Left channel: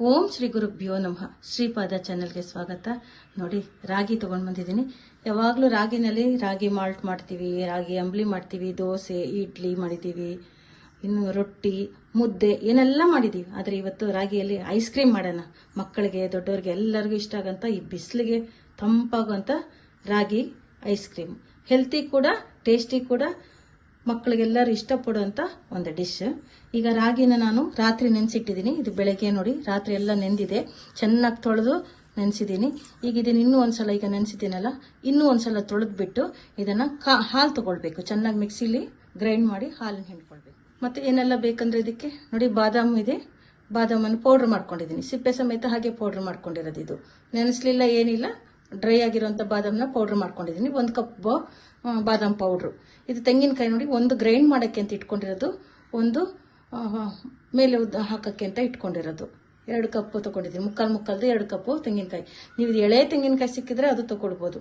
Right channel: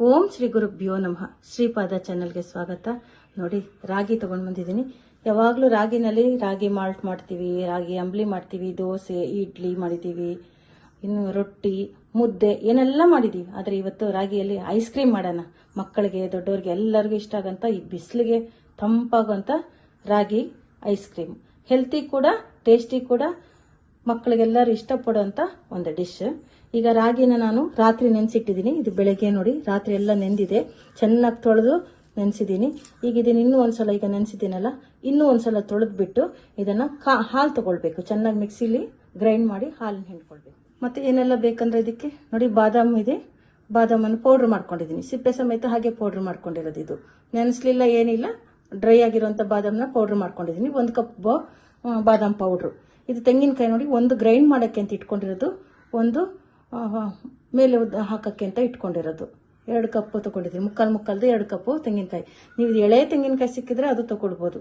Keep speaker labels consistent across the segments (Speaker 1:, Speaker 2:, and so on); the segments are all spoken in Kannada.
Speaker 1: ಓಂ ಶ್ರೀ ಗುರುಭ್ಯೋ ನಮಃ. ಶ್ರೀಪಾದ ಚಾನಲ್ಗೆ ಸ್ವಾಗತ. ನೋಡಿ, ರಾಗಿ ತಗೊಂಡ್ ಬಂದಿದ್ದೀನಿ. ಯಾವಾಗಲೂ ರಾಗಿನಲ್ಲಿ ರಾಗಿ ಮಾಲ್ಟ್ ಮಾಡ್ತೀವಿ, ರಾಗಿ ಅಂಬ್ಲಿ ಮಾಡ್ತೀವಿ, ದೋಸೆ, ಇಡ್ಲಿ ಮಾಡಿದ್ದೀವಿ, ಇನ್ನು ರೊಟ್ಟಿ, ಮುದ್ದೆ, ಏನೆಲ್ಲ ಮಾಡಿದ್ದೀವಿ. ಆದರೆ ಇವತ್ತು ರಾಗಿಯಲ್ಲಿ ಐಸ್ ಕ್ರೀಮ್ ಮಾಡೋಣ. ಮಕ್ಕಳಿಗೆ, ದೊಡ್ಡವ್ರಿಗೆ ಎಲ್ಲರಿಗೂ ಇಷ್ಟ ಆಗಂತ ಈ ಬಿಸಿಲಿಗೆ ತಂಪಾಗುವಂಥ ರಾಗಿ ಐಸ್ ಕ್ರೀಮ್ ಹೆಲ್ತಿ ಕೂಡ ಟೇಸ್ಟಿ ಕೂಡ ಮಕ್ಕಳಿಗೆಲ್ಲರೂ ಇಷ್ಟಪಡುವಂಥ ಒಂದು ಡಿಶ್ ಈಗ ರಾಗಿನ ನಾನು ರಾತ್ರಿ ನೆನೆಸಿಟ್ಟಿದ್ದೀನಿ. ಇದು ಬೆಳಗ್ಗೆ ನೋಡಿ, ರಾತ್ರಿ ಎಲ್ಲ ನೆಂದಿದೆ. ಚೆನ್ನಾಗಿ ತೊಳೆದು ನೆನೆಸಿದ್ದೀನಿ. ಈಗ ಇದನ್ನ ಇನ್ನೂ ಒಂದ್ಸಲ ಈಗ ನೆನೆಸಿದ್ದೀನಲ್ಲ, ಇನ್ನೂ ಒಂದ್ಸಲ ತೊಳೆದ್ಬಿಟ್ಟು ಇದನ್ನು ಕಾ, ಹಾಲು ತೊಗೊಳ್ಬೇಕು. ಚೆನ್ನಾಗಿ ಮಿಕ್ಸಿಲಿ ಗ್ರೈಂಡ್ ಮಾಡಿ ಹಾಲನ್ನು ಹಿಂಡ್ಕೊಳ್ಬೇಕು. ಮತ್ತು ಏನೆಲ್ಲ ಬೇಕಂದ್ರೆ ಇದಕ್ಕೆ? ನೋಡಿ, ಬಾದಾಮಿ ಇದೆ. ಬಾದಾಮನ್ನು ಪೌಡ್ರ್ ಮಾಡ್ಕೊಂಡಿದ್ದೀನಿ. ಸಿಪ್ಪೆ ಸಮೇತ ಹಾಗೆ ಪೌಡ್ರ್ ಮಾಡ್ಕೊಂಡಿರೋದು ಇದು. ನೆನೆಸ್ಲಿಲ್ಲ ಏನಿಲ್ಲ ಡ್ರೈ ಆಗಿರುವಂಥ ಬಾದಾಮನ್ನ ಪೌಡ್ರ್ ಮಾಡ್ಕೊಂಡಿದ್ದೀನಿ. ಒಂದು ಕಪ್ ಬಾದಾಮ್ ಪೌಡ್ರು ಇದು ತೆಂಗಿನಕಾಯಿ ನೋಡಿ, ಒಂದು ಗ್ರೈಂಡ್ ಮಾಡೋಕ್ಕೆ ಅಂತ ಇಟ್ಕೊಂಡಿರೋದು, ಒಂದು ಮೇಲೆ ಉದ್ದ ಹಾಕೋಕ್ಕೆ ಅಂತ ಇಟ್ಕೊಂಡಿರೋದು. ಎರಡು ಕಪ್ಪು ತೊಗೊಂಡಿದ್ದೀನಿ. ಮುಕ್ಕಾಲು ಮುಕ್ಕಾಲ್ದು ಎರಡು ಕಪ್ಪು ತೆಂಗಿನಕಾಯಿ. ನೀವು ಎಳೆ ತೆಂಗಿನಕಾಯಿ ಸಿಕ್ಕಿದ್ರೆ ಅದು ತೊಗೊಳ್ಬೋದು.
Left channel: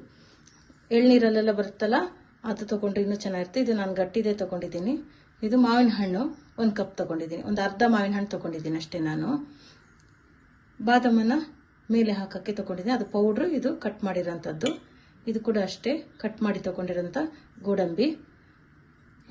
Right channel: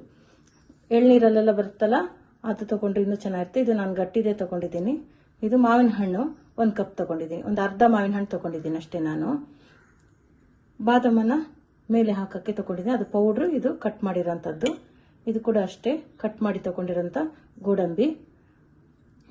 Speaker 1: ಎಳ್ನೀರಲ್ಲೆಲ್ಲ ಬರುತ್ತಲ್ಲ, ಅದು ತಗೊಂಡ್ರೆ ಇನ್ನೂ ಚೆನ್ನಾಗಿರುತ್ತೆ. ಇದು ನಾನು ಗಟ್ಟಿದೆ ತಗೊಂಡಿದ್ದೀನಿ. ಇದು ಮಾವಿನ ಹಣ್ಣು, ಒಂದು ಕಪ್ ತಗೊಂಡಿದ್ದೀನಿ. ಒಂದು ಅರ್ಧ ಮಾವಿನ ಹಣ್ಣು ತೊಗೊಂಡಿದ್ದೀನಿ ಅಷ್ಟೇ ನಾನು. ಬಾದಾಮನ್ನು ಮೇಲೆ ಹಾಕೋಕ್ಕೆ ತೊಗೊಂಡಿದ್ದೀನಿ. ಅದು ಪೌಡ್ರು ಇದು ಕಟ್ ಮಾಡಿರೋಂಥದ್ದು. ಇದು ಕೂಡ ಅಷ್ಟೇ ಕಟ್ ಮಾಡಿ ತಗೊಂಡಿರೋಂಥ ಗೋಡಂಬಿ.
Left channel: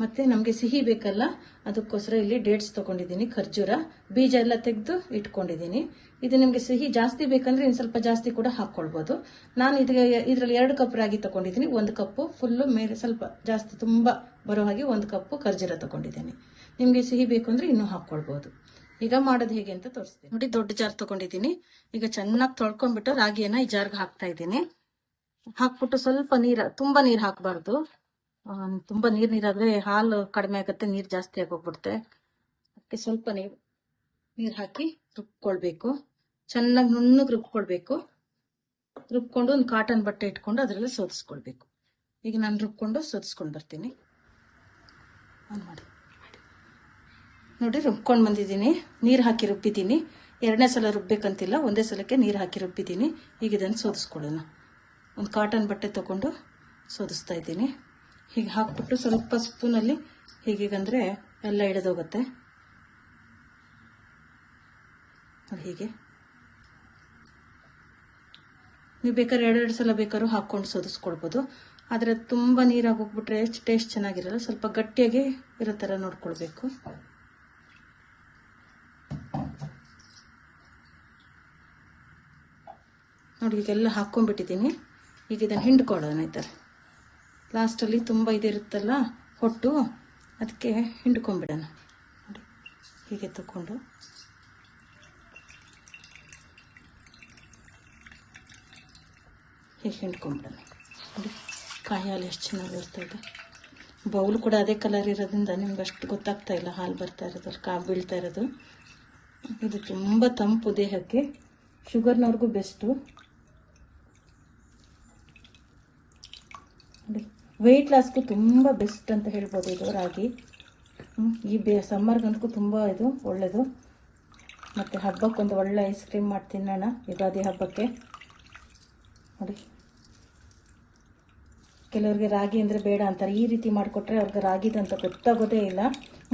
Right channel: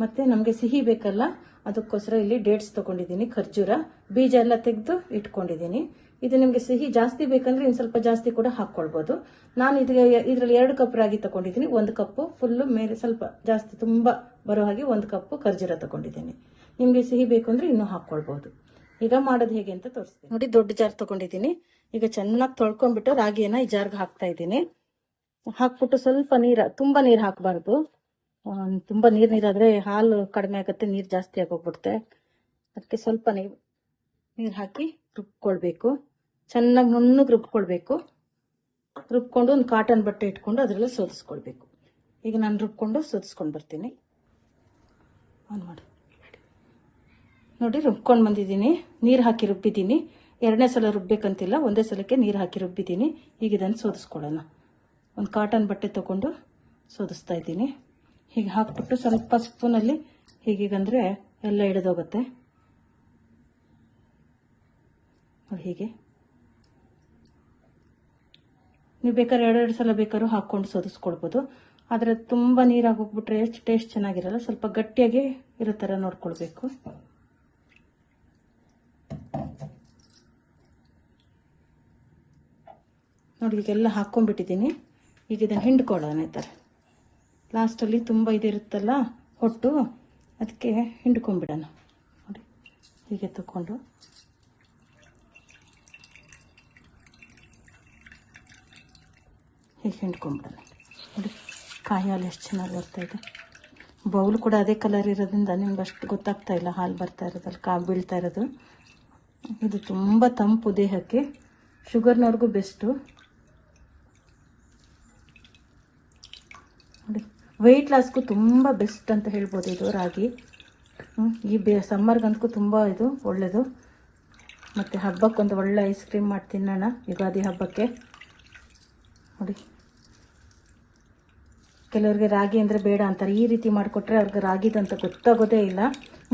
Speaker 1: ಮತ್ತೆ ನಮಗೆ ಸಿಹಿ ಬೇಕಲ್ಲ, ಅದಕ್ಕೋಸ್ಕರ ಇಲ್ಲಿ ಡೇಟ್ಸ್ ತಗೊಂಡಿದ್ದೀನಿ, ಖರ್ಜೂರ. ಬೀಜ ಎಲ್ಲ ತೆಗೆದು ಇಟ್ಕೊಂಡಿದ್ದೀನಿ. ಇದು ನಿಮಗೆ ಸಿಹಿ ಜಾಸ್ತಿ ಬೇಕಂದ್ರೆ ಇನ್ನು ಸ್ವಲ್ಪ ಜಾಸ್ತಿ ಕೂಡ ಹಾಕ್ಕೊಳ್ಬೋದು. ನಾನು ಇದಕ್ಕೆ ಇದರಲ್ಲಿ ಎರಡು ಕಪ್ ರಾಗಿ ತಗೊಂಡಿದ್ದೀನಿ, ಒಂದು ಕಪ್ಪು ಫುಲ್ಲು ಮೇಲೆ ಸ್ವಲ್ಪ ಜಾಸ್ತಿ ತುಂಬ ಬರೋ ಹಾಗೆ ಒಂದು ಕಪ್ಪು ಖರ್ಜೂರ ತಗೊಂಡಿದ್ದೀನಿ. ನಿಮಗೆ ಸಿಹಿ ಬೇಕು ಅಂದ್ರೆ ಇನ್ನೂ ಹಾಕ್ಕೊಳ್ಬೋದು. ಈಗ ಮಾಡೋದು ಹೇಗೆ ಅಂತ ತೋರಿಸ್ತೀನಿ. ನೋಡಿ, ದೊಡ್ಡ ಜಾರ್ ತಗೊಂಡಿದ್ದೀನಿ. ಈಗ ಚೆನ್ನಾಗಿ ತೊಳ್ಕೊಂಡ್ಬಿಟ್ಟು ರಾಗಿಯನ್ನ ಈ ಜಾರ್ಗೆ ಹಾಕ್ತಾ ಇದ್ದೀನಿ. ಹಾಕ್ಬಿಟ್ಟು ಸ್ವಲ್ಪ ನೀರು, ತುಂಬ ನೀರು ಹಾಕಬಾರ್ದು. ತುಂಬ ನೀರು ನೀರಾದರೆ ಹಾಲು ಕಡಿಮೆ ಆಗುತ್ತೆ, ನೀರು ಜಾಸ್ತಿ ಆಗೋಗ್ಬಿಡುತ್ತೆ. ಅದಕ್ಕೆ ಸ್ವಲ್ಪ ನೀರು ನೀರು ಹಾಕಿ ರುಬ್ಕೊಳ್ಬೇಕು. ಚೆನ್ನಾಗಿ ನುಣ್ಣಗೆ ರುಬ್ಕೊಳ್ಬೇಕು. ರುಬ್ಕೊಂಡು ಒಂದು ಕಾಟನ್ ಬಟ್ಟೆ ಇಟ್ಕೊಂಡು ಅದರಲ್ಲಿ ಸೋದಿಸ್ಕೊಳ್ಬೇಕು ಈಗ ನಾನು ರುಬ್ಕೊಂಡು ಸೋದಿಸ್ಕೊಂಡು ಬರ್ತೀನಿ. ಆನ್ ಮಾಡಿ. ನೋಡಿ, ರುಬ್ಕೊಂಡು ಬಂದಿದ್ದೀನಿ. ನೀರು ಹಾಕಿ ರುಬ್ಬಿದ್ದೀನಿ. ಎರಡನೇ ಸಲ ರುಬ್ಬೇಕಂತಿಲ್ಲ, ಒಂದೇ ಸಲಕ್ಕೆ ನೀರು ಹಾಕಿ ರುಬ್ಬಿದ್ದೀನಿ. ಈಗ ಇದನ್ನು ಸೋದಿಸ್ಕೊಳ್ಳೋಣ ಒಂದು ಕಾಟನ್ ಬಟ್ಟೆ ತಗೊಂಡು ಸೋದಿಸ್ತಾ ಇದ್ದೀನಿ. ಹೀಗೆ ಹಾಕ್ಬಿಟ್ಟು ಸ್ವಲ್ಪ ಸ್ಪೂನಲ್ಲಿ ಹೀಗೀಗಂದರೆ ಎಲ್ಲ ಹಿಡಿದೋಗುತ್ತೆ. ಹೀಗೆ. ನೀವು ಬೇಕಾದ್ರೆ ಎರಡೆರಡು ಸಲ ಬೇಕಾದ್ರೂ ಹಾಕ್ಕೊಂಡು ಸೋದಿಸ್ಕೊಳ್ಬೋದು ಆದರೆ ತುಂಬ ನೀರಾಗಿ ಹೋಗ್ಬಿಟ್ರೆ ಟೇಸ್ಟ್ ಚೆನ್ನಾಗಿರಲ್ಲ, ಸ್ವಲ್ಪ ಗಟ್ಟಿಯಾಗಿ ಇರೋ ಥರ ನೋಡ್ಕೊಳ್ಬೇಕು. ನೋಡಿ ಇದೆಲ್ಲ ಹಾಕ್ಕೊಂಡ್ಬಿಟ್ಟಿದ್ದೀನಿ. ಈಗ ಇದನ್ನು ಹಿಂಡ್ಕೊಳ್ಳೋಣ ಈ ಥರ ಲಾಸ್ಟಲ್ಲಿ ತುಂಬ ಇದಿರುತ್ತಲ್ಲ ಹೊಟ್ಟು ಅದಕ್ಕೆ ಹಿಂಡ್ಕೊಂಬಿಡೋಣ ನೋಡಿ, ಹೀಗೆ ತಗೊಂಡು ಹೀಗೆ ಹಿಂಡ್ಕೊಂಡ್ಬಿಡೋಣ ನೋಡಿ ಕಾಯಿ ಹಾಲು ಎಷ್ಟು ಚೆನ್ನಾಗಿ ಬರ್ತಾ ಇದೆ. ಬೌಲು ಕೂಡ ಅದೇ ಕಲರ್ ಇರೋದ್ರಿಂದ ನಿಮ್ಗೆ ಅಷ್ಟು ಗೊತ್ತಾಗ್ತಾ ಇಲ್ಲ ಹಾಲು ಬರ್ತಾ ಇರೋದ್ರಲ್ಲಿ ಕಾ ಬೀಳ್ತಾ ಇರೋದು. ಇದು ತುಂಬ ತಂಪು ದೇಹಕ್ಕೆ, ಶುಗರ್ನವ್ರಿಗೂ ಬೆಸ್ಟು. ನೋಡಿ. ವೆಯ್ಟ್ ಲಾಸ್ಗೂ ತುಂಬ ಬೆಸ್ಟ್ ಅಂತ ಹೇಳ್ಬೋದು ಇದು, ರಾಗಿ. ಈ ಬೆ ಸಮ್ಮರ್ಗಂತೂ ತುಂಬ ಇದು ಒಳ್ಳೆಯದು ಮತ್ತು ಹಬ್ಬಕ್ಕೊಂದು ಒಳ್ಳೆ ಐಸ್ ಕ್ರೀಮ್ ಮಾಡಿ ತಿನ್ನೋಣ, ಯುಗಾದಿ ಹಬ್ಬಕ್ಕೆ. ನೋಡಿ. ಕೆಲವ್ರಿಗೆ ರಾಗಿ ಅಂದರೆ ಬೇಡ ಅಂತಾರೆ. ಈ ರೀತಿ ಮಾಡಿಕೊಟ್ರೆ ಅವ್ರಿಗೆ ರಾಗಿದಂತ ಗೊತ್ತಾಗೋದೇ ಇಲ್ಲ.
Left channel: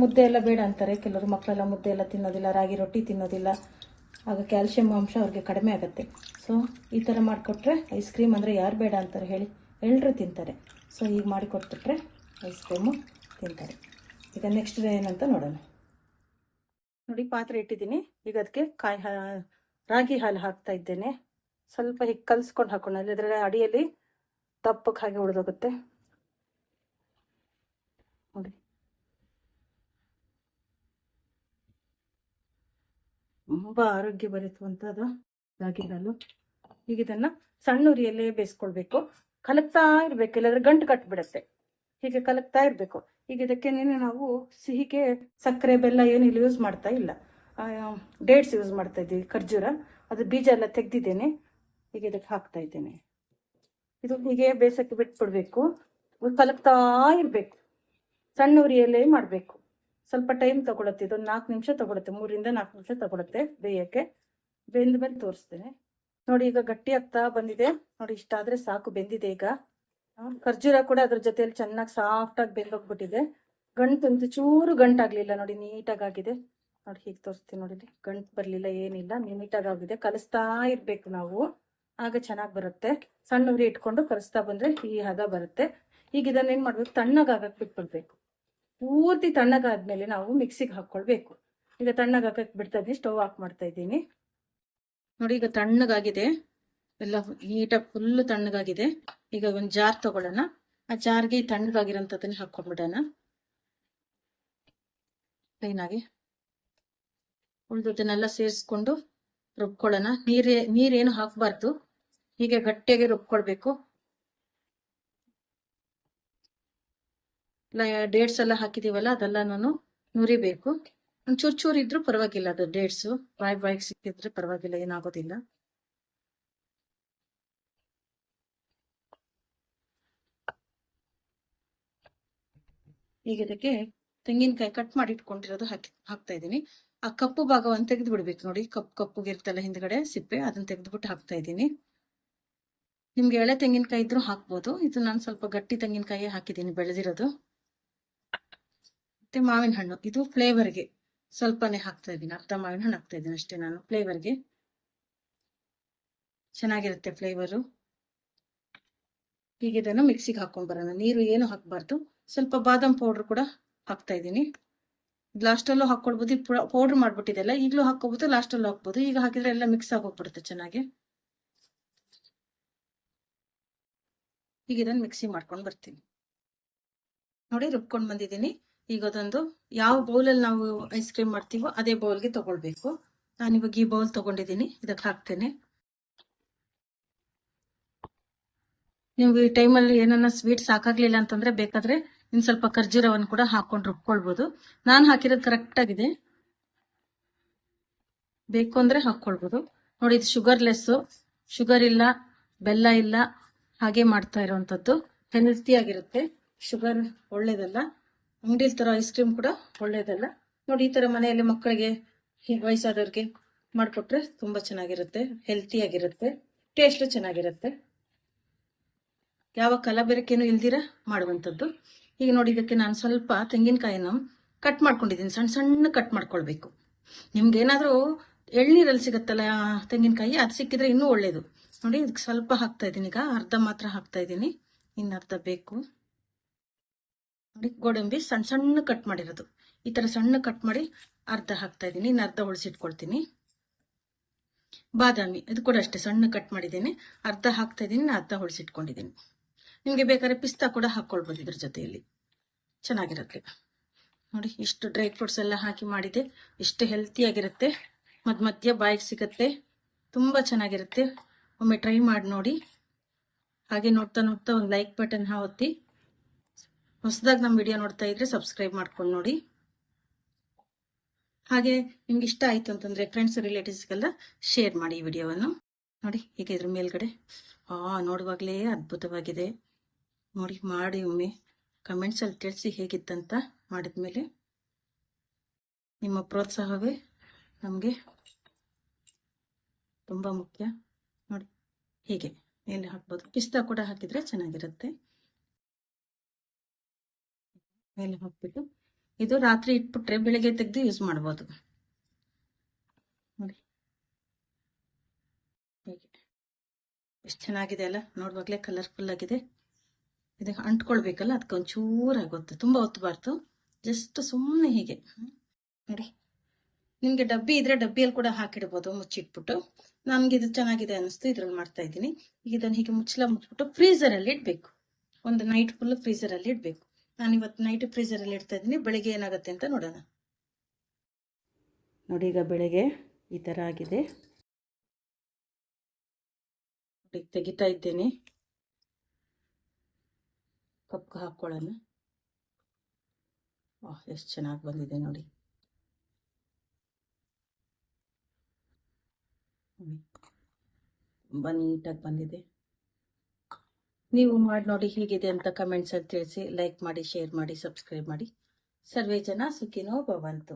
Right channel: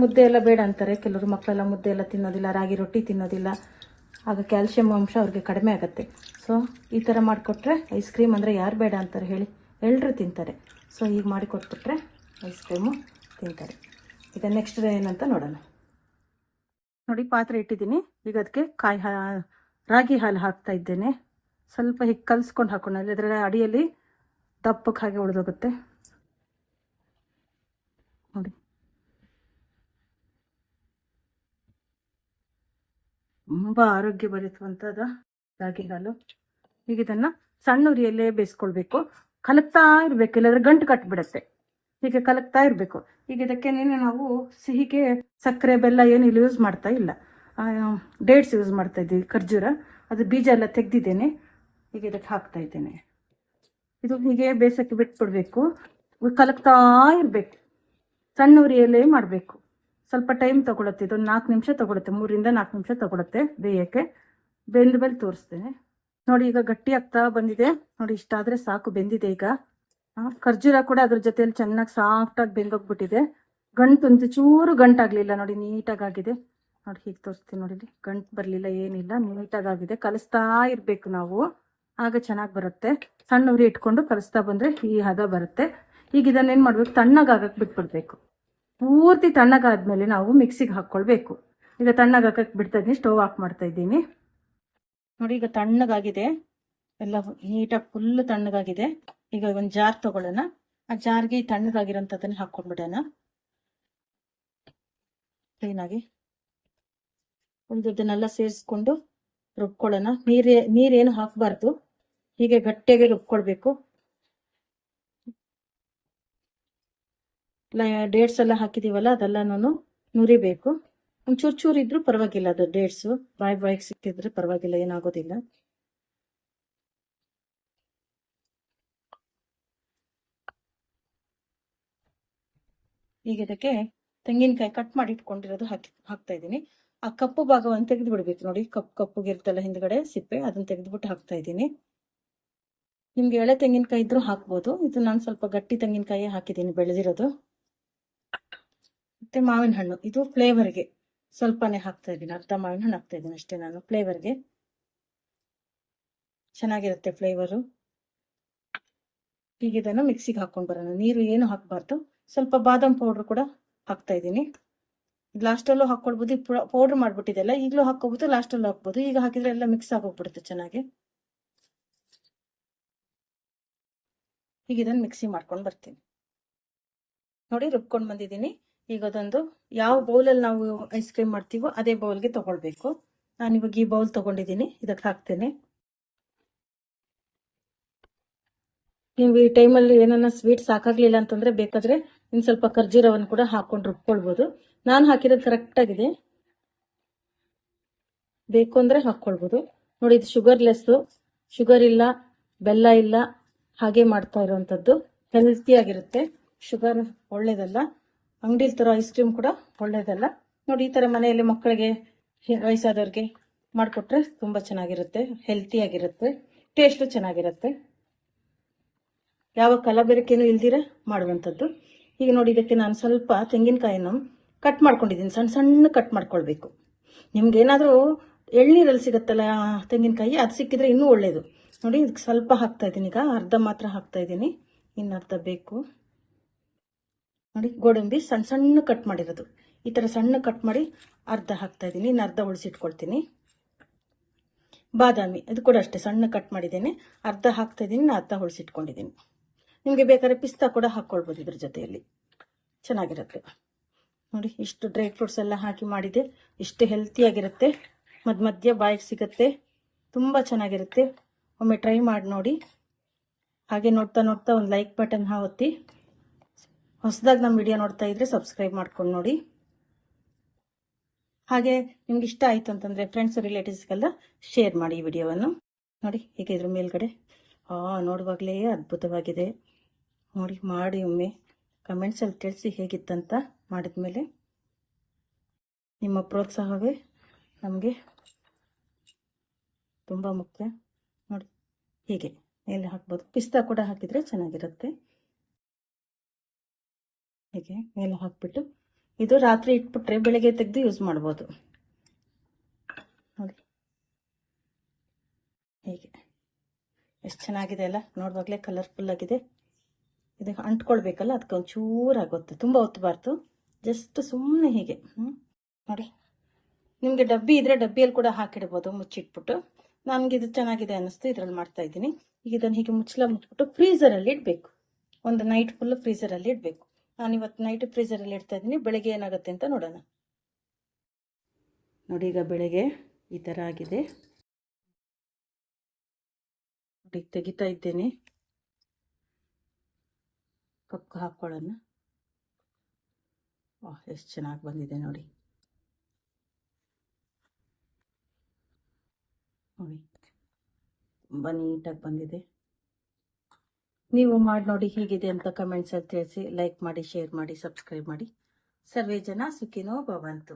Speaker 1: ಮುದ್ದೆ ಎಲ್ಲ ಬೇಡ ಅಂತಾರೆ. ಕೆಲವರು ಮಕ್ಕಳೆಲ್ಲ ಮುದ್ದೆ ಎಲ್ಲ ತಿನ್ನೋದಿಲ್ಲ, ರಾಗಿ ರೊಟ್ಟಿ ತಿನ್ನೋದಿಲ್ಲ. ಆಗ ಕ್ಯಾಲ್ಶಿಯಂ ಅಂಶ ಅವ್ರಿಗೆ ಕಡಿಮೆ ಆಗುತ್ತೆ. ಸೊ ಈ ಥರ ಮಾಡಿಕೊಟ್ರೆ ಐಸ್ ಕ್ರೀಮ್ ಅಂದರೆ ಯಾರು ಬೇಡ ಅಂತಾರೆ ಹೇಳಿ. ಎಲ್ಲರೂ ತಿಂತಾರೆ. ಸೊ ಈಗ ಮಾಡಿಕೊಟ್ಬಿಟ್ರೆ ಐಸ್ ಕ್ರೀಮು ತಿಂತಾರೆ. ಈಗ ನೆಕ್ಸ್ಟ್ ಏನಂತ ನೋಡೋಣ. ನೋಡಿ, ಪಾತ್ರೆ ಇಟ್ಟಿದ್ದೀನಿ. ಈಗ ಅದಕ್ಕೆ ಕಾಯಿ ಹಾ ರಾಗಿ ಹಾಲು ಹಾಕ್ತಾ ಇದ್ದೇನೆ. ಸ್ವಲ್ಪ ಹೀಗೆ ಕಲಿಸ್ಕೊಂಡು ಹಾಕೋಣ. ಅದರ ಅಡಿಯಲ್ಲಿ ದಪ್ಪಕ್ಕೆ ಹಾಗೆ ಉಳಿದೋಗುತ್ತೆ ನೋಡಿ. ತುಂಬ ಆರೋಗ್ಯ ಬರೆಯುವಂಥದ್ದು ರಾಗಿ ಹಾಲು. ಈಗ ಇದನ್ನು ಸಣ್ಣ ಉರಿಯಲ್ಲೇ ಬೇಯಿಸ್ಕೊಳ್ಬೇಕು. ಕಲಕ್ತಾ ಇರ್ಬೇಕು, ಇಲ್ಲಾದ್ರೆ ಗಂಟು ಕಟ್ಬಿಡತ್ತೆ. ಹೀಗೆ ಕಲಕ್ತಾ ಇರಬೇಕು. ಈಗ ಇದಕ್ಕೆ ನಾವು ಸಿಹಿಗೆ ಸಕ್ಕರೆ, ಬೆಲ್ಲ ಏನು ಇಲ್ಲಿ ಯೂಸ್ ಮಾಡ್ತಾ ಇಲ್ಲ. ಡೇಟ್ಸ್ ಯೂಸ್ ಮಾಡ್ತಾ ಇದ್ದೀವಿ, ಖರ್ಜೂರ. ಅದು ಬೀಜ ಎಲ್ಲ ತೆಗ್ದಿದ್ದೇನೆ. ಈಗ ಇದಕ್ಕೆ ಹಾಕ್ತಾ ಇದ್ದೇನೆ. ಇದು ಹೀಗೆ ಬೇಸಕ್ಕೆ ಬಿಟ್ಬಿಡ್ಬೇಕು. ಕಲಕ್ತಾ ಇರ್ಬೇಕು. ಸಣ್ಣ ಉರಿಯಲ್ಲೇ ಮಾಡಬೇಕು. ಸ್ವಲ್ಪ ಟೈಮ್ ತಗೊಳತ್ತೆ, ಇದೊಂದು ನಾಲ್ಕು ನಿಮಿಷ ತಗೊಳುತ್ತೆ ಮೂರಿಂದ ನಾಲ್ಕು ನಿಮಿಷ ತಗೊಳುತ್ತೆ ಬೇಯಕ್ಕೆ. ಬೆಂದ ಮೇಲೆ ತೋರಿಸ್ತೇನೆ. ನೋಡಿ, ಈಗ ಗಟ್ಟಿ ಆಗ್ತಾ ಬಂದಿದೆ. ನೋಡಿ ಇಷ್ಟಾದ್ರೆ ಸಾಕು, ಬೆಂದಿದೆ ಈಗ. ಖರ್ಜೂರ ಕೂಡ ಅದ್ರ ಜೊತೆಯಲ್ಲಿ ಚೆನ್ನಾಗಿ ಸಾಫ್ಟ್ ಆಗಿ ಬೆಂದೋಗ್ಬಿಟ್ಟಿದೆ. ಗಂಟು ಅಂತ ಚೂರು ಗಂಟಾಗ್ಲಿಲ್ಲ ನೋಡಿ, ನೀಟಾಗಿ ಆಗಿದೆ. ನೋಡಿ, ಹೀಗೆ ತೋರಿಸ್ತೀನಿ ನೋಡಿ ಗಂಟು ಬರಲಿಲ್ಲ, ಏನಿಲ್ಲ, ನೀಟಾಗಿ ಆಗಿದೆ. ಕಲಿಸ್ತಾ ಇರಬೇಕು ನಾವು. ಆಗ ಚೆನ್ನಾಗಿ ಬರುತ್ತೆ. ಸಣ್ಣ ಉರಿ ಇಟ್ಕೊಂಡು ಕಲಿಸ್ತಾ ಬಂದ್ರೆ ಈ ಹದ ಬರುತ್ತೆ. ಈಗ ಇದನ್ನ ಏನ್ ಮಾಡ್ಬೇಕು? ತಣ್ಣಗಾಗಕ್ಕೆ ಬಿಟ್ಬಿಡ್ಬೇಕು. ಪೂರ್ತಿ ತಣ್ಣಗಾದ್ಮೇಲೆ ನಾವು ಮಿಕ್ಸಿಗೆ ಹಾಕೊಳ್ಬೇಕು. ಈಗ ತಣ್ಣಗಾಗಕ್ಕೆ ಬಿಡ್ತಾ ಇದ್ದೀನಿ ಸ್ಟೋವ್ ಆಫ್ ಮಾಡ್ತಾ ಇದ್ದೀನಿ. ನೋಡಿ, ಈಗ ತಣ್ಣಗಾಗಿದೆ. ಎಲ್ಲ ನೀಟಾಗಿ ಫುಲ್ ತಣ್ಣಗಾಗಿದೆ. ಈಗ ಒಂದು ಜಾರ್ ತಗೊಳ್ಳೋಣ. ಆ ಜಾರ್ಗೆ ತಣ್ಣಗಾಗಿರೋಂಥದ್ದನ್ನ ಹಾಕೊಂಡ್ಬಿಡೋಣ ಕ್ಲೀನಾಗಿ ಉಳಿದದ್ದನ್ನೆಲ್ಲ ಸೇರಿಸ್ಕೊಂಡು ರುಬ್ಕೊಳ್ಳೋಣ. ನೀರೇ, ನೀರೇನು ಹಾಕಬಾರ್ದು. ಹೀಗೆ ಗಟ್ಟಿಯಾಗಿ ರುಬ್ಕೊಳ್ಬೇಕು. ಡೇಟ್ಸ್ ಎಲ್ಲ ಹಾಕಿದೀವಲ್ಲ ಅದೆಲ್ಲನೂ ನುರಿಬೇಕು. ಒಂಚೂರು ಚೂರು ಇದ್ರೂ ಪರವಾಗಿಲ್ಲ, ಅದು ಡೇಟ್ಸು ಬಾಯ್ ಬಾಯಿಗೆ ಸಿಕ್ಕಿದ್ರೆ ಪರವಾಗಿಲ್ಲ, ಏನಾಗೋದಿಲ್ಲ. ಈಗ ಇದಕ್ಕೆ ತೆಂಗಿನಕಾಯಿ ಕಟ್ ಮಾಡಿ ಇಟ್ಕೊಂಡಿರೋದು ಹಾಕಿ ಹಾಕ್ತಾ ಇದ್ದೀನಿ. ಆ ಕಪ್ಪು ಭಾಗವನ್ನು ತೆಗೆದು ಬಿಡ್ಬೇಕು ನೋಡಿ ಕಪ್ಪು ಕಪ್ಪುಗೆ ಇರ್ತಲ್ಲ ಹಿಂದ್ಗಡೆ ಸಿಪ್ಪೆ, ಅದನ್ನ ತೆಗೆದ್ಬಿಟ್ಟು ಹಾಕ್ತಾ ಇದ್ದೀನಿ. ನಿಮ್ಗೆ ಎಳೆ ತೆಂಗಿನಕಾಯಿ ಇದ್ರೂ ಹಾಕ್ಬೋದು. ಇದು ನಾನು ಸ್ವಲ್ಪ ಗಟ್ಟಿ ತೆಂಗಿನಕಾಯಿ ಹಾಕಿದ್ದೀನಿ ಬೆಳೆದಿರೋದು. ಮತ್ತೆ ಮಾವಿನ ಹಣ್ಣು. ಇದು ಫ್ಲೇವರ್ಗೆ ಸ್ವಲ್ಪನೇ ಹಾಕ್ತಾ ಇದ್ದೀನಿ, ಅರ್ಧ ಮಾವಿನ ಹಣ್ಣು ಹಾಕ್ತಾ ಇದ್ದೀನಿ ಅಷ್ಟೇ ನಾನು ಫ್ಲೇವರ್ಗೆ ಚೆನ್ನಾಗಿರುತ್ತೆ ಫ್ಲೇವರು ಈಗ ಇದನ್ನು ಮಿಕ್ಸಿಗೆ ಹಾಕೊಂಡು ಬರೋಣ, ನೀರು ಏನು ಹಾಕಬಾರ್ದು, ಸ್ವಲ್ಪ ಬಾದಾಮ್ ಪೌಡ್ರ್ ಕೂಡ ಹಾಕ್ತಾ ಇದ್ದೀನಿ. ಲಾಸ್ಟಲ್ಲೂ ಹಾಕೊಳ್ಬೋದು ಪೌಡ್ರ್ ಮಾಡಿಬಿಟ್ಟಿದೆಲ್ಲ ಈಗಲೂ ಹಾಕೋಬಹುದು ಲಾಸ್ಟಲ್ಲೂ ಹಾಕ್ಬೋದು, ಈಗ ಹಾಕಿದ್ರೆ ಎಲ್ಲ ಮಿಕ್ಸ್ ಆಗೋಗ್ಬಿಡುತ್ತೆ ಚೆನ್ನಾಗಿ. ಈಗ ಇದನ್ನು ಮಿಕ್ಸಿ ಮಾಡ್ಕೊಂಡು ಬರ್ತೀನಿ. ನೋಡಿ ರುಬ್ಕೊಂಡು ಬಂದಿದ್ದೀನಿ. ಈಗ ಅದೊಂದು ಯಾವ ಬೌಲಲ್ಲಿ ನಾವು ಐಸ್ ಕ್ರೀಮ್ ಮಾಡ್ತೀವೋ ಅದೇ ಬೌಲ್ಗೆ ತಗೊಳ್ಬೇಕು. ನಾನು ಇವಾಗ ಈ ಬೌಲ್ ತಗೊಂಡಿದ್ದೀನಿ, ಇದಕ್ಕೆ ಹಾಕ್ತೇನೆ. ನೀವು ಈ ಟೈಮಲ್ಲಿ ಏನನ್ನ ಸ್ವೀಟ್ ಸಾಕಾಗ್ಲಿಲ್ಲ ಅಂತಂದ್ರೆ ಬೇಕಾದ್ರೆ ಇನ್ನು ಸ್ವಲ್ಪ ಖರ್ಜೂರವನ್ನು ಕೂಡ ಹಾಕೊಂಡು ರುಬ್ಕೊಳ್ಬೋದು. ನಾನು ಹಾಕಿರೋದು ಕರೆಕ್ಟ್ ಆಗಿದೆ. ಬೇಕು ಅಂದ್ರೆ ಹಾಕೊಳ್ಬೋದು ನೋಡಿ, ಇದು ಶುಗರ್ಲೆಸ್ಸು ಶುಗರ್ ಇಲ್ಲ, ಬೆಲ್ಲ ಇಲ್ಲ, ಹಾಗೆ ಮಾಡ್ತಾ ಇರುವಂತದ್ದು. ಹೆಲ್ತಿ ಆಗಿರುತ್ತೆ. ಶುಗರ್ ಒಳ್ಳೇದಲ್ಲ. ಅಂಗಡಿಲಿ ತರೋ ಐಸ್ ಕ್ರೀಮ್ ಕೂಡ ಒಳ್ಳೇದಲ್ಲ. ನೋಡಿ, ಈ ಥರ ಮನೆಯಲ್ಲಿ ಮಕ್ಕಳಿಗೆ ವಯಸ್ಸಾದವ್ರಿಗೆ ಮಾಡಿಕೊಟ್ರೆ ತುಂಬ ಚೆನ್ನಾಗಿರುತ್ತೆ ಹೆಲ್ತಿಯಾಗಿರುತ್ತೆ ಟೇಸ್ಟ್ ಚೆನ್ನಾಗಿರುತ್ತೆ. ಯಾವ ಕಲಬೆರಕೆನೂ ಇಲ್ದಿರ ಮಾಡುವಂಥದ್ದು. ಈಗ ನೋಡಿ, ಇದಕ್ಕೆ ನಾನು ಸ್ವಲ್ಪ ತೆಂಗಿನಕಾಯಿನ ಕಟ್ ಮಾಡ್ಕೊಂಡಿದ್ದೀನಿ. ಸಣ್ಣ ಸಣ್ಣ ಕಟ್ ಮಾಡ್ಕೊಳ್ಬೇಕು. ನಿಮ್ಗೇನಾದರೂ ಎಳ್ನೀರಲ್ಲಿ ಸಿಗುತ್ತಲ್ಲ ತೆಂಗಿನಕಾಯಿ, ಅದು ಸಿಕ್ಕಿದ್ರೆ ಇನ್ನೂ ಒಳ್ಳೇದು. ನೋಡಿ, ಇದಕ್ಕೆ ಸ್ವಲ್ಪ ಹಾಕ್ತಾ ಇದ್ದೀನಿ. ಈಗ ಅರ್ಧ ಮಾತ್ರ ಹಾಕ್ತಾ ಇದ್ದೀನಿ. ಇನ್ನು ಅರ್ಧ ಬೇಕು. ನೋಡಿ, ಗೋಡಂಬಿ ಸಣ್ಣ ಸಣ್ಣ ಕಟ್ ಮಾಡಿರೋದು. ಈ ಥರ ಸಣ್ಣ ಕಟ್ ಮಾಡಿ ಅರ್ಧ ಹಾಕ್ತಾ ಇದ್ದೀನಿ, ಇನ್ನು ಅರ್ಧ ಉಳಿಸಿಟ್ಕೊಳ್ತೀನಿ. ಬಾದಾಮಿ, ಇದು ಕೂಡ ಅಷ್ಟೇ ಸಣ್ಣ ಕಟ್ ಮಾಡಿದ್ದೇನೆ. ಅರ್ಧ ಹಾಕ್ತಾ ಇದ್ದೀನಿ ನಾನು ಅರ್ಧ ಉಳಿಸಿಟ್ಕೊಂಡಿದ್ದೀನಿ. ನಿಮಗೆ ಬೇಕಾದ್ರೆ ಪಿಸ್ತಾ ಕೂಡ ಹಾಕ್ಕೊಳ್ಬೋದು ಇದ್ರ ಜೊತೆಯಲ್ಲಿ. ಚೆನ್ನಾಗಿರುತ್ತೆ. ನೋಡಿ, ಇಷ್ಟು ಡ್ರೈ ಫ್ರೂಟ್ಸ್ ಎಲ್ಲ ಹಾಕಿ ಮಾಡಿದೆ. ಇಷ್ಟು ಹೆಲ್ತಿಯಾಗಿರುತ್ತೆ ಮಧ್ಯ ಮಧ್ಯ ಬಾಯಿಗೆ ಸಿಗುತ್ತೆ. ತುಂಬ ಚೆನ್ನಾಗಿರುತ್ತೆ. ಒಮ್ಮೆ ಟ್ರೈ ಮಾಡಿ ನೋಡಿ. ಹಾಗೆ ನೋಡ್ತಾ ನೋಡ್ತಾ ಒಂದು ಲೈಕ್ ಬಟನ್ ಒತ್ತಿ ಹೊಸದಾಗಿ ನಮ್ಮ ವಿಡಿಯೋ ನೋಡ್ತಾ ಇದ್ರೆ ಸಬ್ಸ್ಕ್ರೈಬ್ ಮಾಡ್ಕೊಂಡು ನೋಡಿ. ಹಾಗೆ ನಿಮ್ಗೆ ಇಷ್ಟ ಆಯಿತು ಅಂತಂದರೆ ಫ್ರೆಂಡ್ಸ್ ರಿಲೇಟಿವ್ಸ್ಗೆಲ್ಲ ಶೇರ್ ಮಾಡಿ ಈ ವಿಡಿಯೋವನ್ನು. ನೋಡಿ, ಈಗ ಇದ್ರ ಮೇಲ್ಗಡೆ. ಆ, ನೋಡುವಾಗಲೇ ಅದ್ಭುತವಾಗಿದೆ. ನೋಡಿ, ಮಾಡಿ ಒಮ್ಮೆ ಕಮೆಂಟ್ಸಲ್ಲಿ ತಿಳಿಸಿ ಹೇಗಿತ್ತಂತ ಮಾಡಿದ್ಮೇಲೆ ನಿಮ್ಮ ಪ್ರೋತ್ಸಾಹವೇ ನಮಗೆ ತುಂಬ ಮುಖ್ಯ. ನೋಡಿ, ಹೀಗೆ. ಮೇಲೆ ಹಾಕ್ಬೋದು. ಪಿಸ್ತಾ ಕೂಡ ಹಾಕಿದರೆ ಚೆನ್ನಾಗಿರುತ್ತೆ. ಹೀಗೆ ಮೇಲೆ ಹಾಕ್ಬಿಟ್ಟು ಇದು ರಾತ್ರಿ ಇಟ್ಬಿಟ್ರೆ ಬೆಳಗ್ಗೆ ತೆಗೆದು ಯೂಸ್ ಮಾಡ್ಬೋದು. ನೋಡಿ. ಹೀಗೆ. ಎಷ್ಟು ಚೆನ್ನಾಗಿದೆ ಅಲ್ಲ? ನೋಡುವಾಗಲೇ ಕಲರ್ಫುಲ್ ಆಗಿದೆ. ಇದು ಅಂಟ್ಕೊಳ್ಬೇಕಲ್ಲ? ಅದಕ್ಕೆ ಒಂಚೂರು ಆಗುತ್ತೆ. ತುಂಬ ಒತ್ತಬಾರ್ದು ಜಸ್ಟ್ ಸುಮ್ಮನೆ ಹೀಗೆ. ನೋಡಿ. ನಿಮಗೆ ಡಬ್ಬಿ ಇದ್ರೆ ಡಬ್ಬಿಯಲ್ಲಿ ಕೂಡ ಹಾಕಿಡ್ಬೋದು. ಮುಚ್ಚಿಟ್ಬಿಟ್ಟು. ನಮ್ಗೆ ಇದು ಚೆನ್ನಾಗಿದೆ ಅನ್ನಿಸ್ತು. ಇದ್ರಲ್ಲಿ ಮಾಡ್ತಾ ಇದ್ದೀನಿ. ಈಗ ಇದನ್ನು ಹೀಗೆ ಮುಚ್ಚಲ ಮುಚ್ಚಿಬಿಟ್ಟು ಫ್ರೀಸರಲ್ಲಿ ಇಡಬೇಕು. ಒಂದು ನೈಟ್ ಫುಲ್ ಫ್ರೀಸರಲ್ಲಿ ಇಡಬೇಕು. ನಾನು ಇವತ್ತು ನೈಟ್ ಫ್ರೀಸರಲ್ಲಿ ಇಡ್ತಾ ಇದ್ದೀನಿ. ಬೆಳಿಗ್ಗೆ ಏನಾಗುತ್ತೆ ಅಂತ ನೋಡೋಣ. ನೋಡಿ ಈಗ ಬೆಳಿಗ್ಗೆ ಈ ಥರ ಆಗಿದೆ. ನೋಡಿ ತೆಗಿತಾ ಇದ್ದೇನೆ. ಕಪ್ ಹಾಕ್ಕೊಳ್ಳೋಣ ಓಹ್ ಎಷ್ಟು ಚೆನ್ನಾಗಿ ಬಂದಿದೆ ನೋಡಿ. ನೋಡಿ ತುಂಬ ನೀಟಾಗಿ ಬಂದಿದೆ. ನೀವು ಮಾಡಿ ನೋಡಿ ಹೇಗಿದೆ ಅಂತ ಕಮೆಂಟ್ಸಲ್ಲಿ ತಿಳಿಸಿ ಲೈಕ್ ಮಾಡಿ ಶೇರ್ ಮಾಡಿ ಸಬ್ಸ್ಕ್ರೈಬ್ ಮಾಡಿ. ಸರ್ವೇ ಜನ ಸುಖಿನೋ ಭವಂತು.